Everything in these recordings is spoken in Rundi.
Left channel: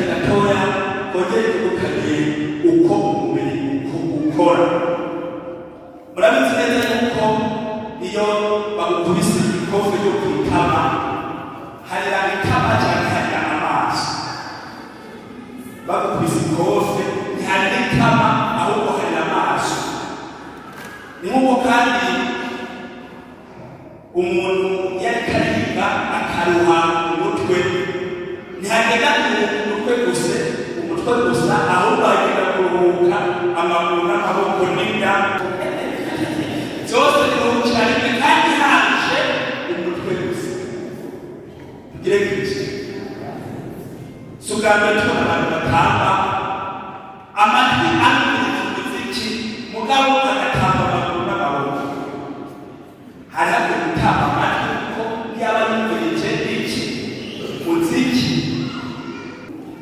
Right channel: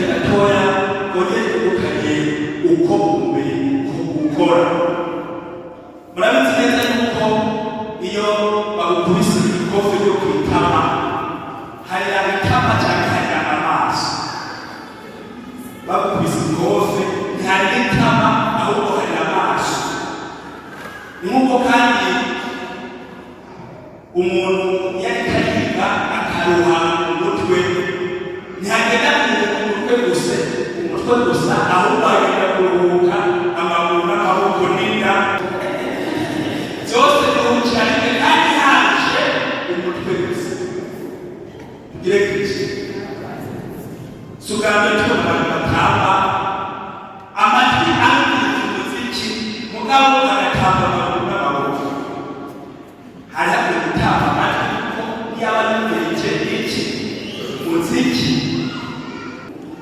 kare gatoya kongere ukanye uko umubiri ukora. Murabizi neza yuko iyo bagukubise ikofe ryo kwitama hari itama cyane hari amaso. Bagukubise ikofe ntihari itama ahubwo hari amaso. Ni nk'uko kandi umuntu yari kariga akaruha umutwe ntihagenda umutwe gusa ahubwo agenda kuruhuka amaguru n'amaboko n'inda byose biruhukira rimwe kandi haje umutwe gusa. Tugire kwiki sugamye tubona abantu batamba amatwi amwiriza umuziki mugabo agatamba amaguru n'amaboko. Hari gutamba amatwi kuko yaba yumvirije iki muziki.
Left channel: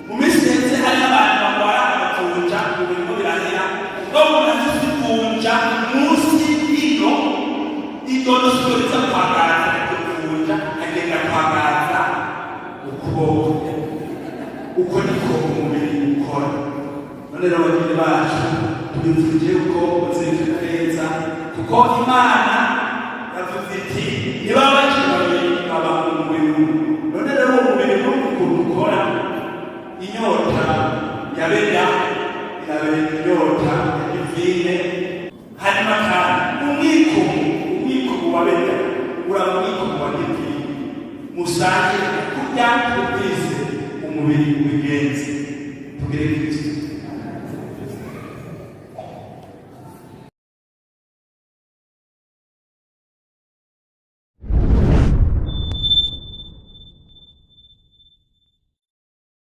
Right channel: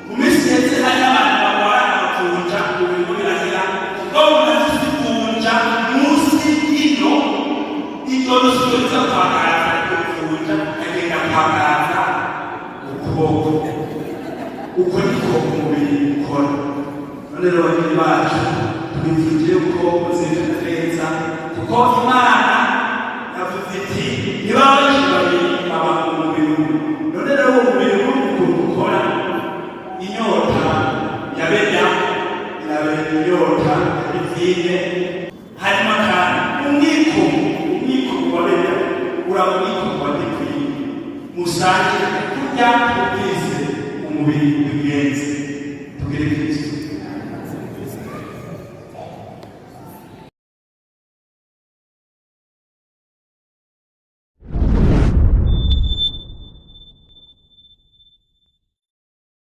Mu minsi ndetse hari abantu barwara amavunja mu bintu birahera ngo umuntu kuvunja munsi y'ino nusubiriza kwagaza kuvunja agenda kwagaza ukuboko. Uko niko umubiri ukora. None rero banyine bacu twizeye ko muzirika neza kuko Imana yavuze iti niba bakibabiri abantu mu mubiri. None rero umubiri ukuntu ukora, inyota yabera irabera inyota ivine hanyuma kandi umwiko wabera uramwiko wa divine musange kurya kubwize umubiri